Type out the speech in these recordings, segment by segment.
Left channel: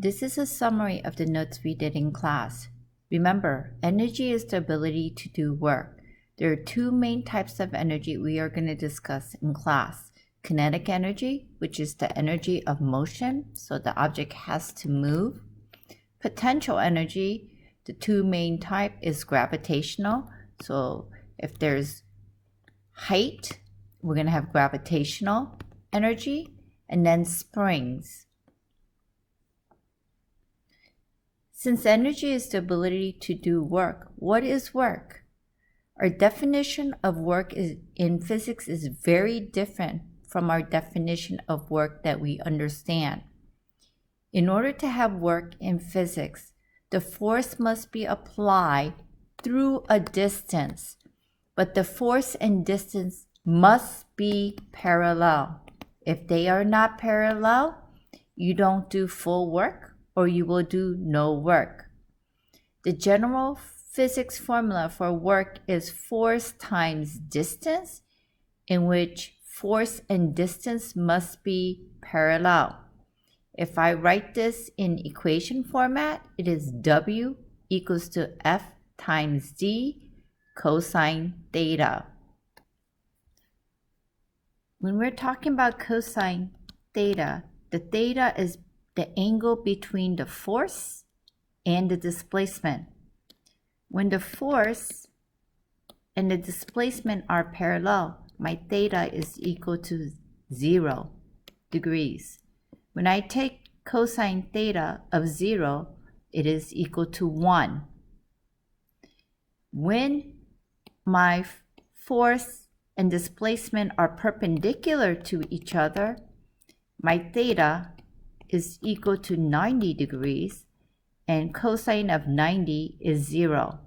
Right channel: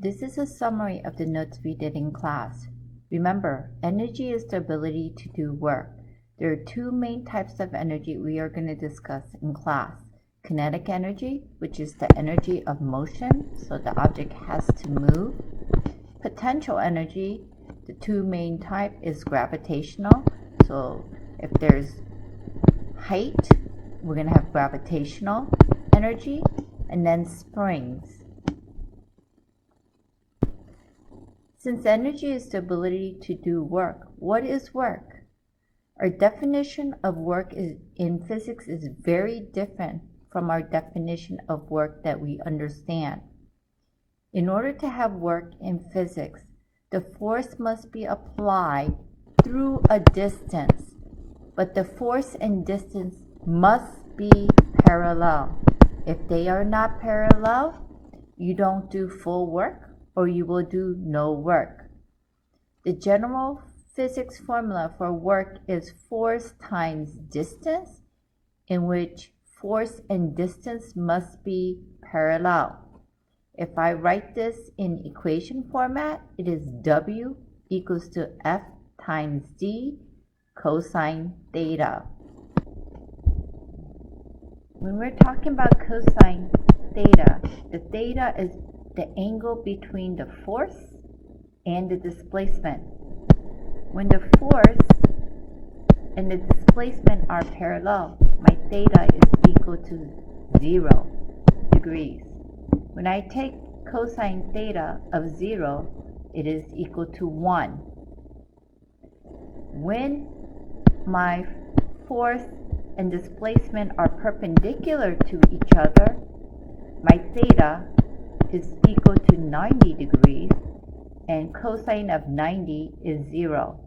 This is a summary of the notes we did in class. Remember, energy is the ability to do work. There are two main types of energy we are going to discuss in class. Kinetic energy, which is the energy of motion, so the object has to move. Potential energy, the two main type is gravitational. So if there's height, we're going to have gravitational energy, and then springs. Since energy is the ability to do work, what is work? Our definition of work in physics is very different from our definition of work that we understand. In order to have work in physics, the force must be applied through a distance, but the force and distance must be parallel. If they are not parallel, you don't do full work, or you will do no work. The general physics formula for work is force times distance, in which force and distance must be parallel. If I write this in equation format, it is W equals to F times D cosine theta. When we're talking about cosine theta, the theta is the angle between the force and the displacement. When the force and the displacement are parallel, my theta is equal to 0 degrees. When I take cosine theta of 0, it is equal to 1. When my force and displacement are perpendicular to each other, my theta is equal to 90 degrees, and cosine of 90 is 0.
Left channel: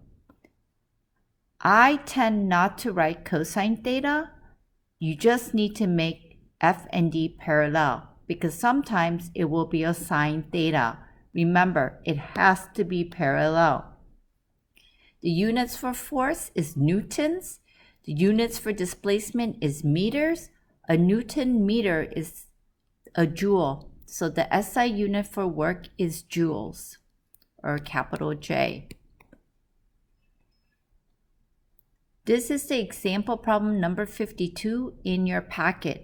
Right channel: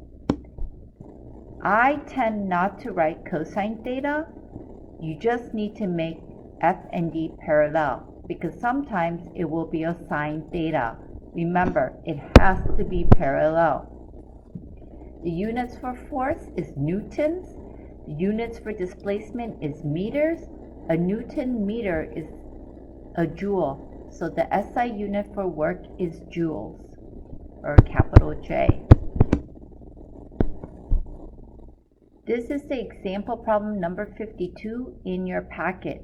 I tend not to write cosine theta. You just need to make F and D parallel, because sometimes it will be a sine theta. Remember, it has to be parallel. The units for force is newtons. The units for displacement is meters. A Newton meter is a joule. So the SI unit for work is joules, or capital J. This is the example problem number 52 in your packet.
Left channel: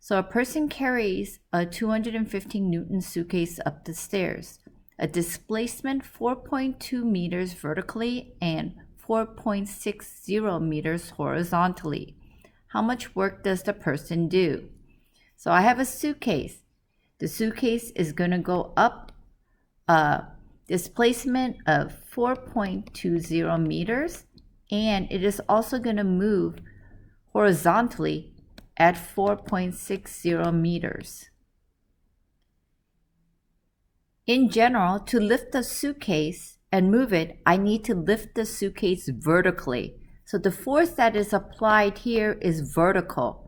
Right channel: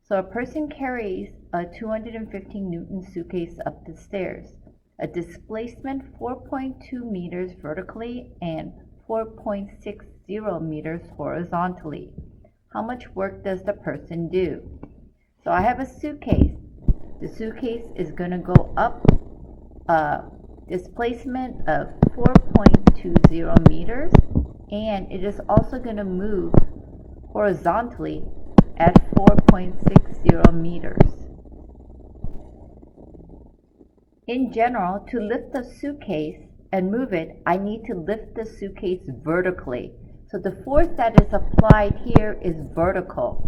So a person carries a 215 Newton suitcase up the stairs. A displacement 4.2 meters vertically and 4.60 meters horizontally. How much work does the person do? So I have a suitcase. The suitcase is going to go up a displacement of 4.20 meters, and it is also going to move horizontally at 4.60 meters. In general, to lift the suitcase and move it, I need to lift the suitcase vertically. So the force that is applied here is vertical,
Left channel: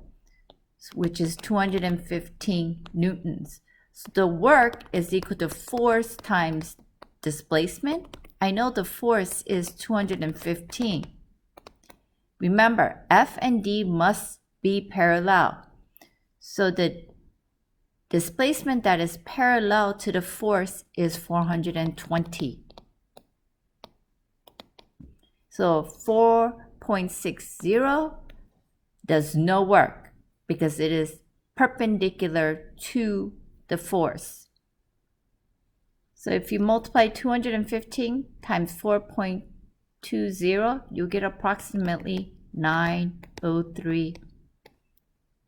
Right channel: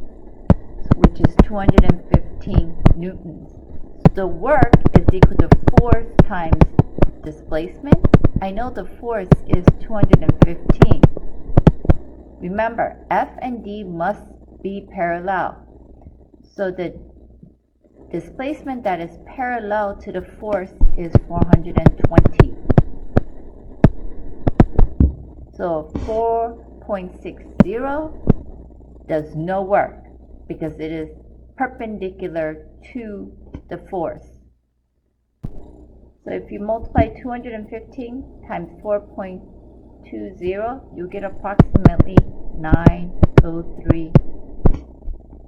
which is 215 newtons. So the work is equal to force times displacement. I know the force is 215. Remember, F and D must be parallel. So the displacement that is parallel to the force is 420. So 4.60 does no work, because it is perpendicular to the force. So if you multiply 215 times 4.20, you get approximately 903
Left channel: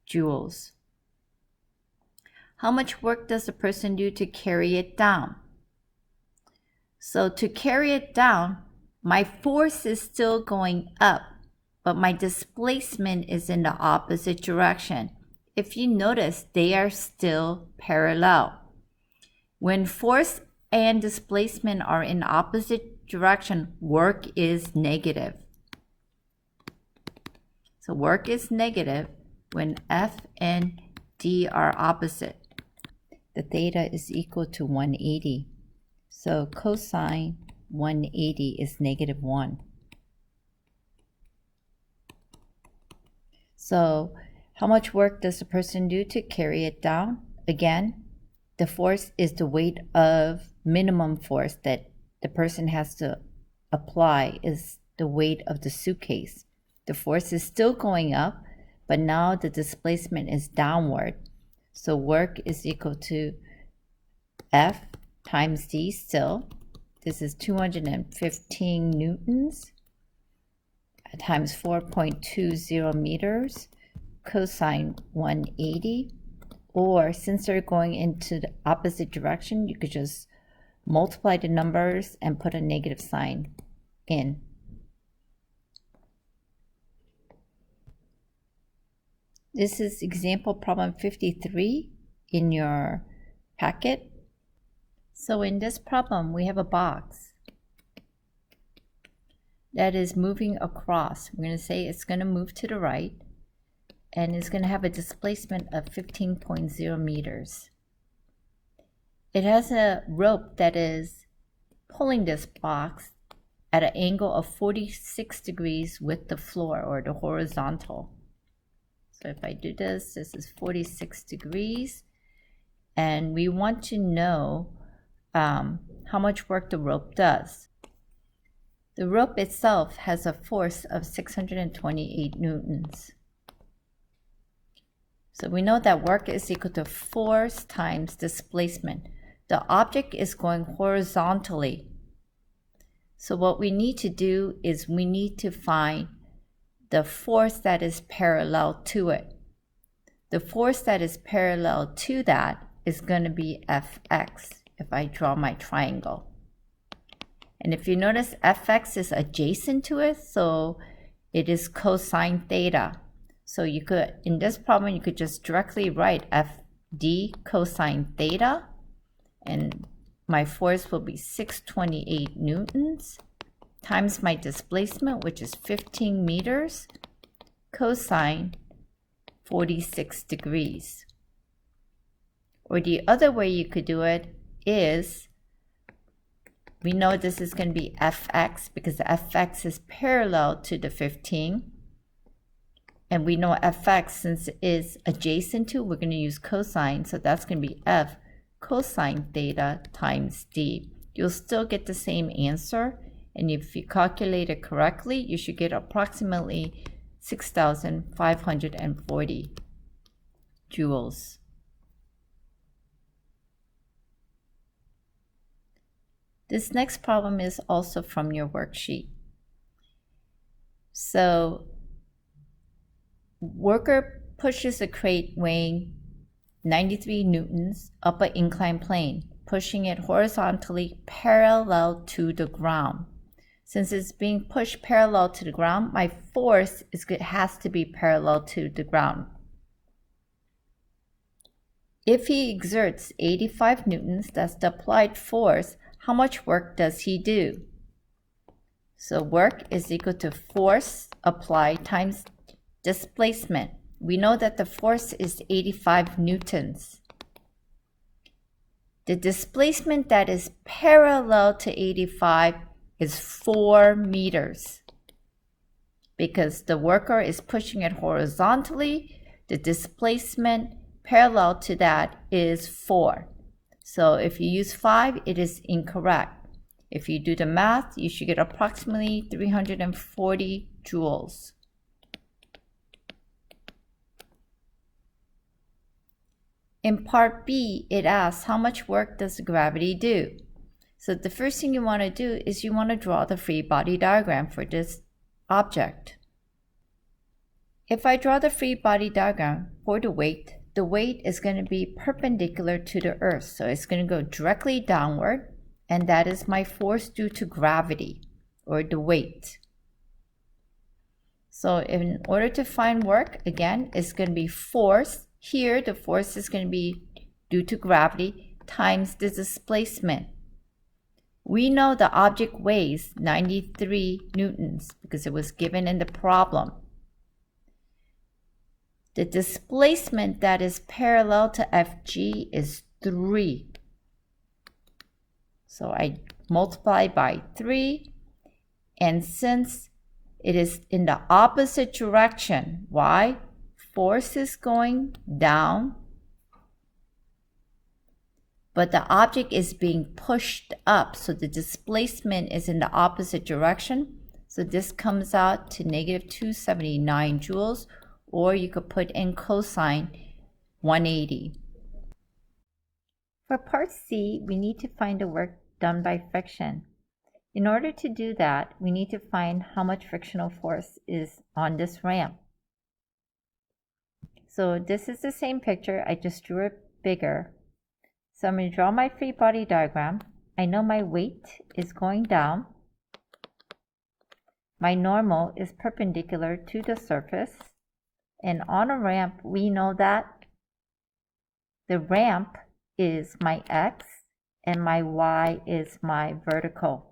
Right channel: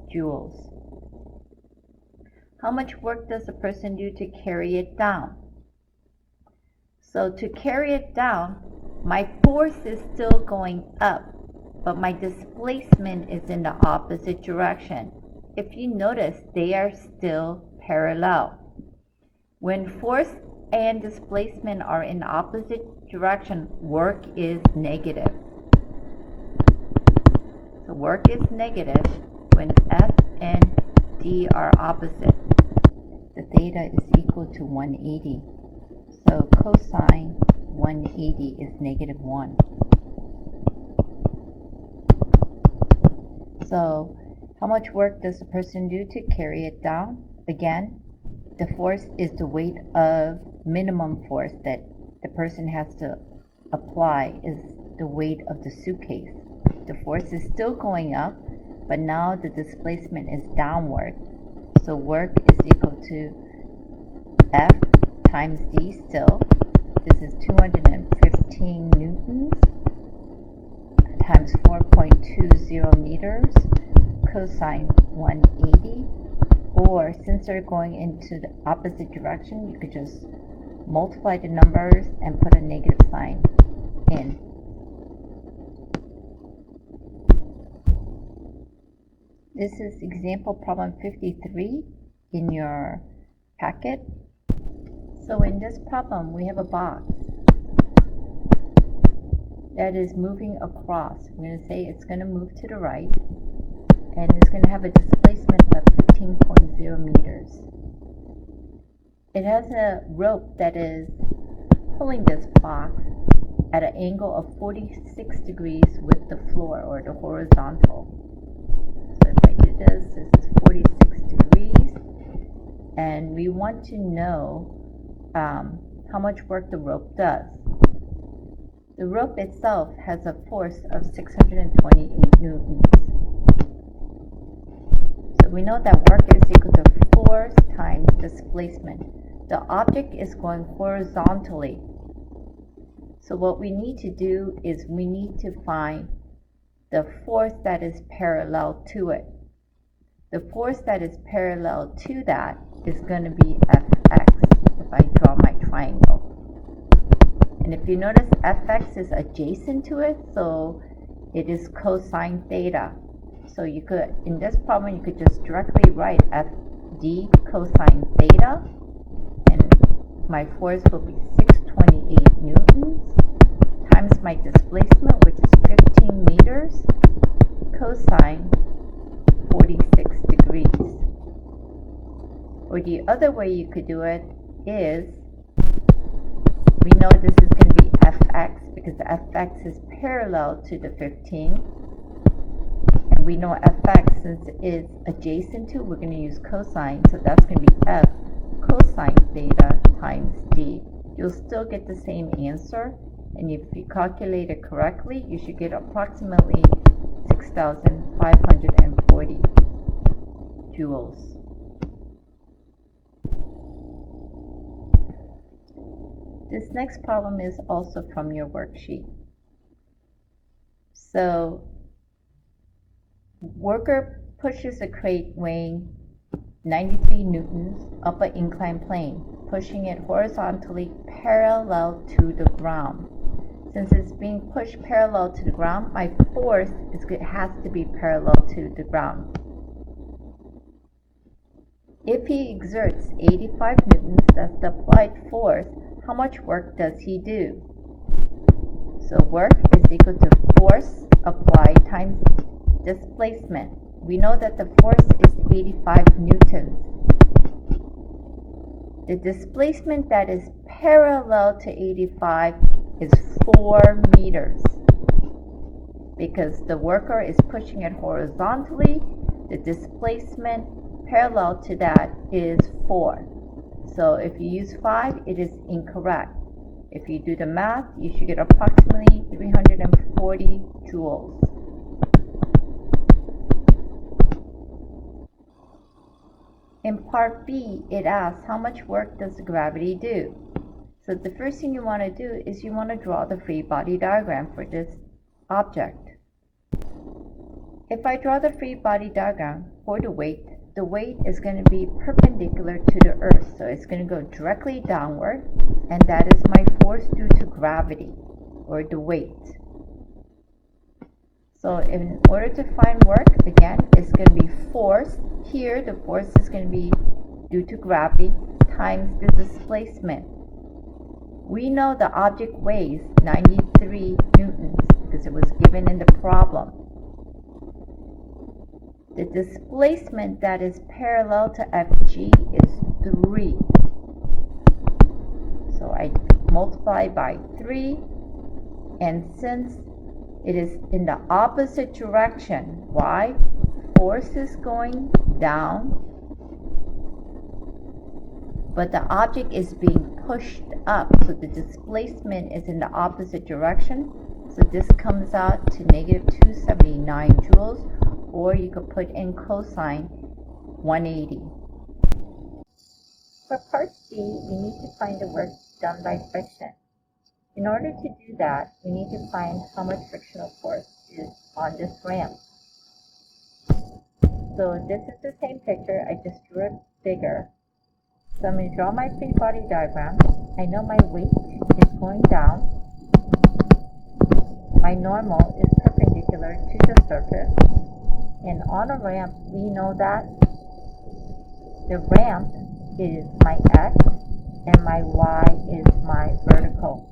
joules. How much work does the person do to carry it down? So to carry it down, my force is still going up, but my displacement is in the opposite direction. If you notice, they are still parallel. When force and displacement are in opposite direction, work is negative. So work is negative when F and D are opposite. The theta is equal to 180. So cosine 180 is negative 1. So how much work does the person do to carry it down? Again, the force is the weight of minimum force that the person has to apply is the weight of the suitcase. The force is still going up, but now the displacement is downward. So work is equal to F times D still. This is 215 newtons times 4.20 meters cosine 180. Or since they're going into the opposite direction, you could just multiply the numbers and put a negative sign in. This is example problem 53 in your packet. So in this problem, we have a box that is moving across. We're going to say it's going to move to the right, and it's going to have a displacement of 15.0 meters. It has a rope that is pulling this box at an angle of 46 degrees with the floor or the horizontal. So if I do this, this is 46 degrees, and we want to know how much work the rope does. The rope itself has a force of 628 newtons. So we know that work is equal to force times displacement. The object is going horizontally. So what we need to do is we need to find the force that is parallel to it. The force that is parallel to that is going to be Fx if I draw my triangle. And if you notice, Fx is adjacent to it, so it is cosine theta. So you could, in this problem, you could just directly write Fd cosine theta, and my force will be 628 newtons times my displacement, which is 15 meters, cosine 46 degrees. Or the other way you could do it is, we know this is going to be Fx because the Fx is parallel to the 15. And we know Fx, since it is adjacent to, we're going to use cosine. So that's going to be F cosine theta times D. You'll still get the same answer. And if you calculate it correctly, you should get approximately 6,540 joules. This next problem is also from your worksheet. So, worker pushes a crate weighing 93 newtons up an inclined plane, pushing it horizontally parallel to the ground. Since it's being pushed parallel to the ground, my force has to be parallel to the ground. If he exerts 85 newtons, that's the applied force, how much work does he do? So work is equal to force applied times displacement. We know that the force is 85 newtons. The displacement that is parallel to 85 is 4 meters. Because the worker is pushing it horizontally, the displacement parallel to that is 4. So if you use 5, it is incorrect. If you do the math, you should get approximately 340 joules. In part B, it asks how much work does gravity do? So the first thing you want to do is you want to draw the free body diagram for this object. If I draw the free body diagram for the weight is going to be perpendicular to the earth. So it's going to go directly downward, and that is my force due to gravity, or the weight. So in order to find work, again, it's going to be force. Here, the force is going to be due to gravity times the displacement. We know the object weighs 93 newtons because it was given in the problem. The displacement that is parallel to FG is 3. So I multiply by 3, and since it is in the opposite direction, why? Force is going down, but the object is being pushed up, so the displacement is in the opposite direction. So this comes out to negative 279 joules, or you could put in cosine 180. For part C, we need to find the work done by friction. In order to do that, we need to find how much frictional force is on this ramp. So this is the same picture, I just drew it bigger. So I'm going to draw my free body diagram. I know my weight is going down. My normal is perpendicular to the surface. And on a ramp, we know that the ramp is my x and my y is my vertical.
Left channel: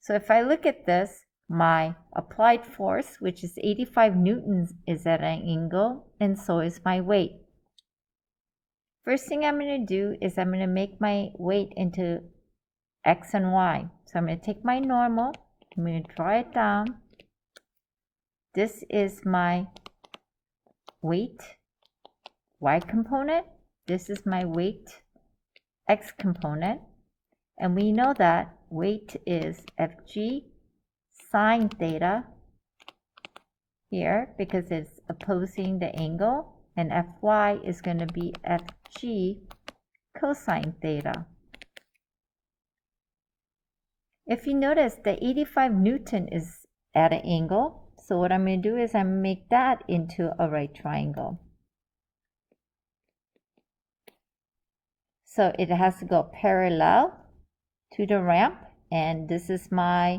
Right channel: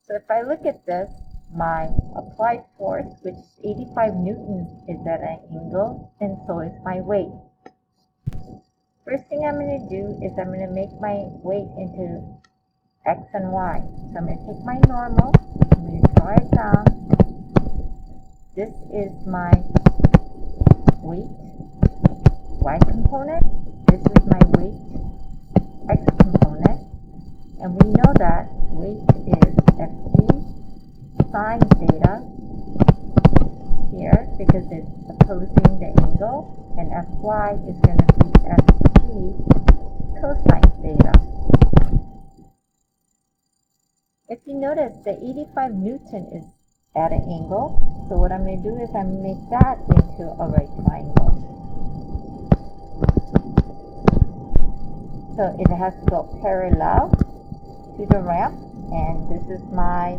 So if I look at this, my applied force, which is 85 newtons, is at an angle, and so is my weight. First thing I'm going to do is I'm going to make my weight into x and y. So I'm going to take my normal, I'm going to draw it down. This is my weight, y component. This is my weight, x component. And we know that weight is Fg sine theta here because it's opposing the angle, and Fy is going to be Fg cosine theta. If you notice, the 85 Newton is at an angle, so what I'm going to do is I'm going to make that into a right triangle. So it has to go parallel to the ramp, and this is my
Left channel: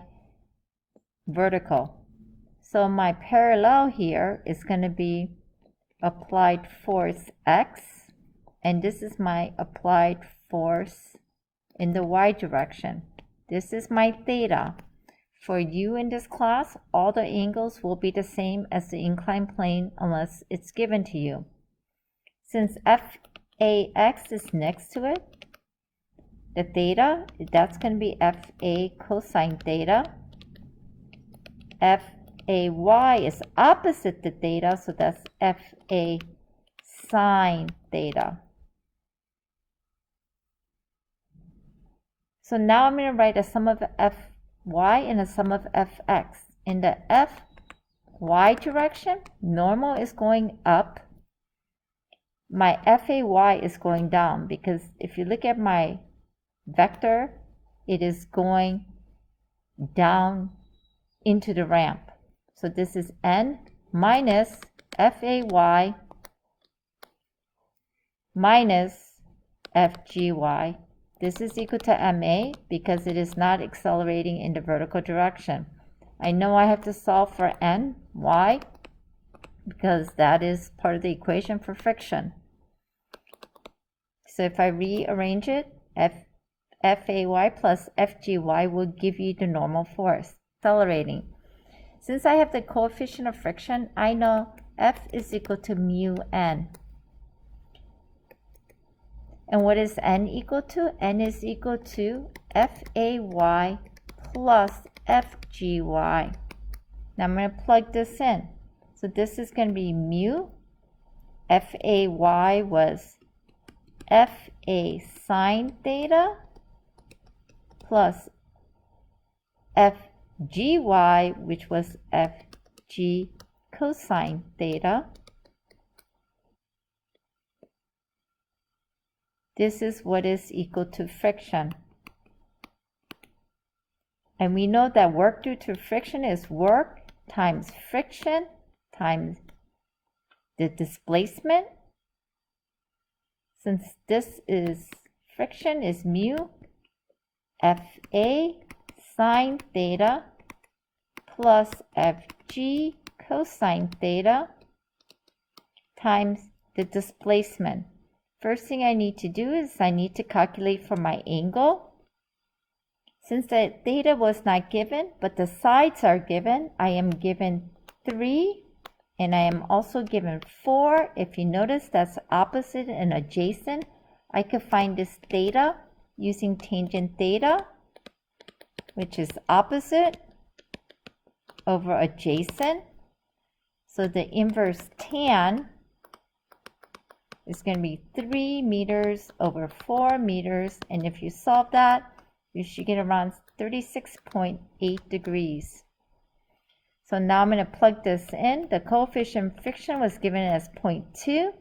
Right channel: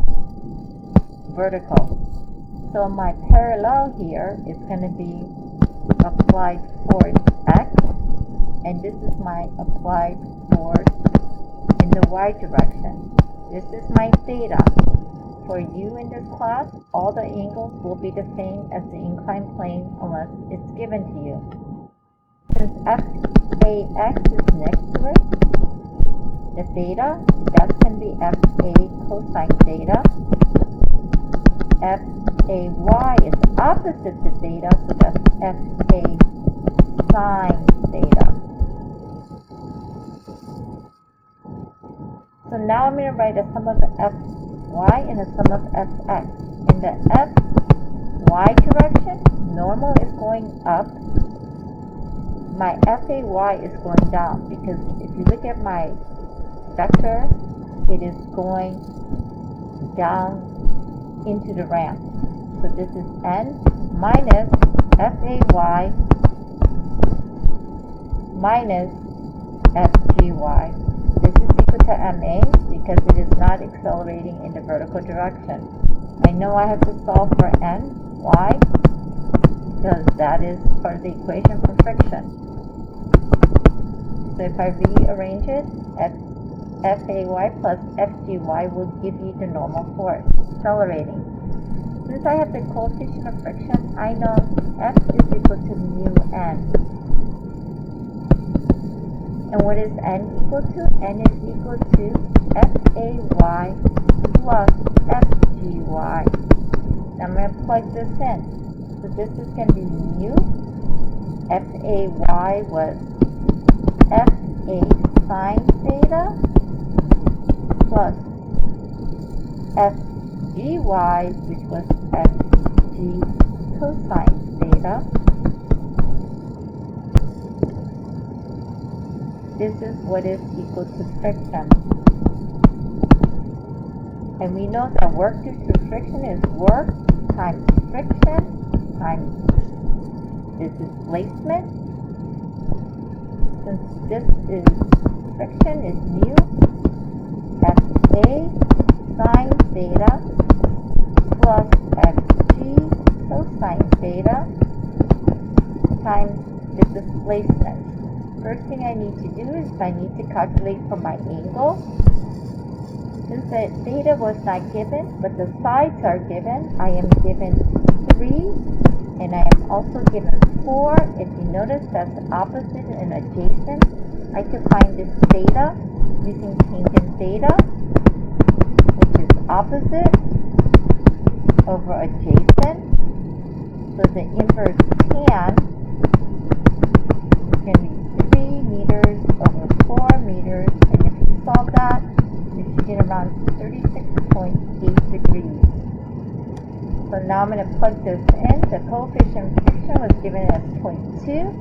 vertical. So my parallel here is going to be applied force x, and this is my applied force in the y direction. This is my theta. For you in this class, all the angles will be the same as the inclined plane unless it's given to you. Since FAX is next to it, the theta, that's going to be FA cosine theta. FAY is opposite the theta, so that's FA sine theta. So now I'm going to write a sum of Fy and a sum of Fx. In the Fy direction, normal is going up. My FAY is going down because if you look at my vector, it is going down into the ramp. So this is n minus Fay minus Fgy. This is equal to ma because it is not accelerating in the vertical direction. I know I have to solve for n. Why? Because that is part of the equation for friction. So if I rearrange it, Fay plus Fgy will give you the normal force, accelerating. Since I have the coefficient of friction, I know F is equal to mu n. And what is n equal to? N is equal to Fay plus Fgy. Now I'm going to plug this in. So this is going to be mu. Fay was Fa sine theta plus Fgy, which was Fg cosine theta. This is what is equal to friction. And we know that work due to friction is work times friction times the displacement. Since this is friction is mu Fa sine theta plus Fg cosine theta times the displacement. First thing I need to do is I need to calculate for my angle. Since the theta was not given, but the sides are given, I am given 3 and I am also given 4. If you notice, that's opposite and adjacent. I could find this theta using tangent theta, which is opposite over adjacent. So the inverse tan is going to be 3 meters over 4 meters, and if you solve that, you should get around 36.8 degrees. So now I'm going to plug this in. The coefficient of friction was given as 0.2.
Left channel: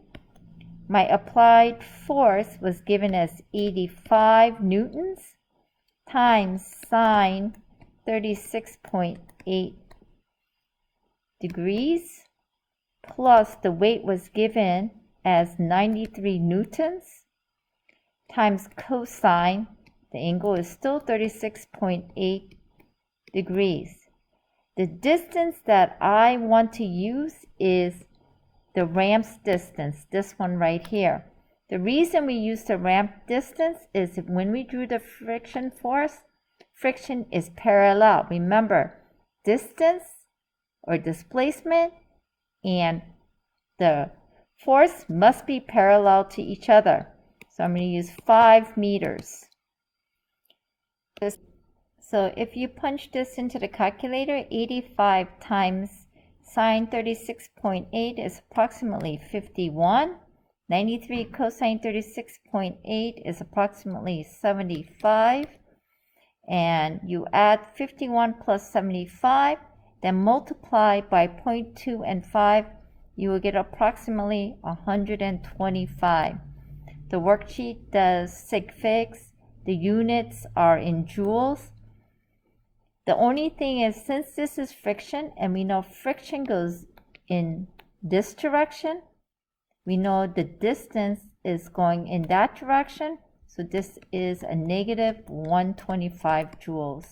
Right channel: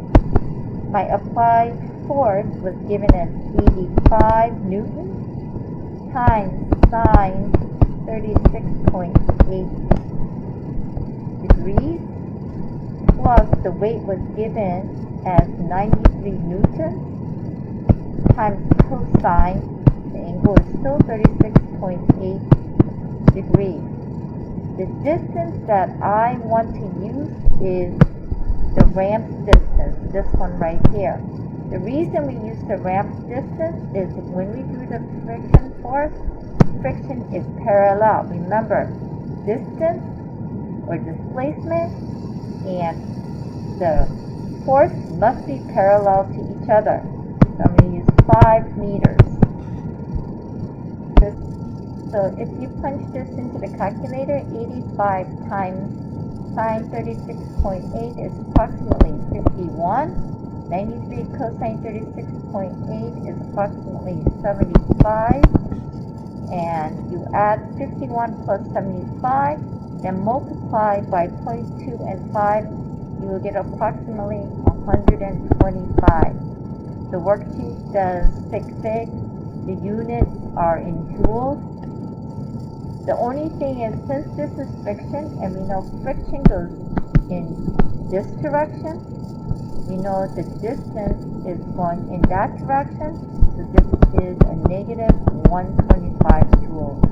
My applied force was given as 85 newtons times sine 36.8 degrees, plus the weight was given as 93 newtons times cosine. The angle is still 36.8 degrees. The distance that I want to use is the ramp's distance, this one right here. The reason we use the ramp distance is when we drew the friction force, friction is parallel. Remember, distance or displacement and the force must be parallel to each other. So I'm going to use 5 meters. So if you punch this into the calculator, 85 times sine 36.8 is approximately 51. 93 cosine 36.8 is approximately 75. And you add 51 plus 75, then multiply by 0.2 and 5, you will get approximately 125. The worksheet does sig figs. The units are in joules. The only thing is, since this is friction, and we know friction goes in this direction, we know the distance is going in that direction, so this is a negative 125 joules.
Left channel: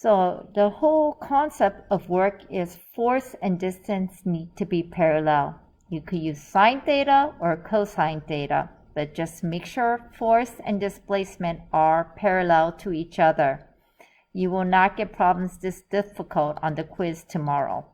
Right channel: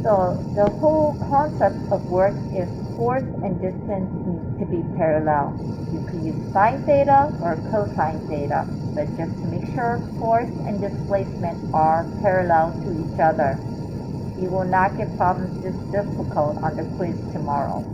So the whole concept of work is force and distance need to be parallel. You could use sine theta or cosine theta, but just make sure force and displacement are parallel to each other. You will not get problems this difficult on the quiz tomorrow.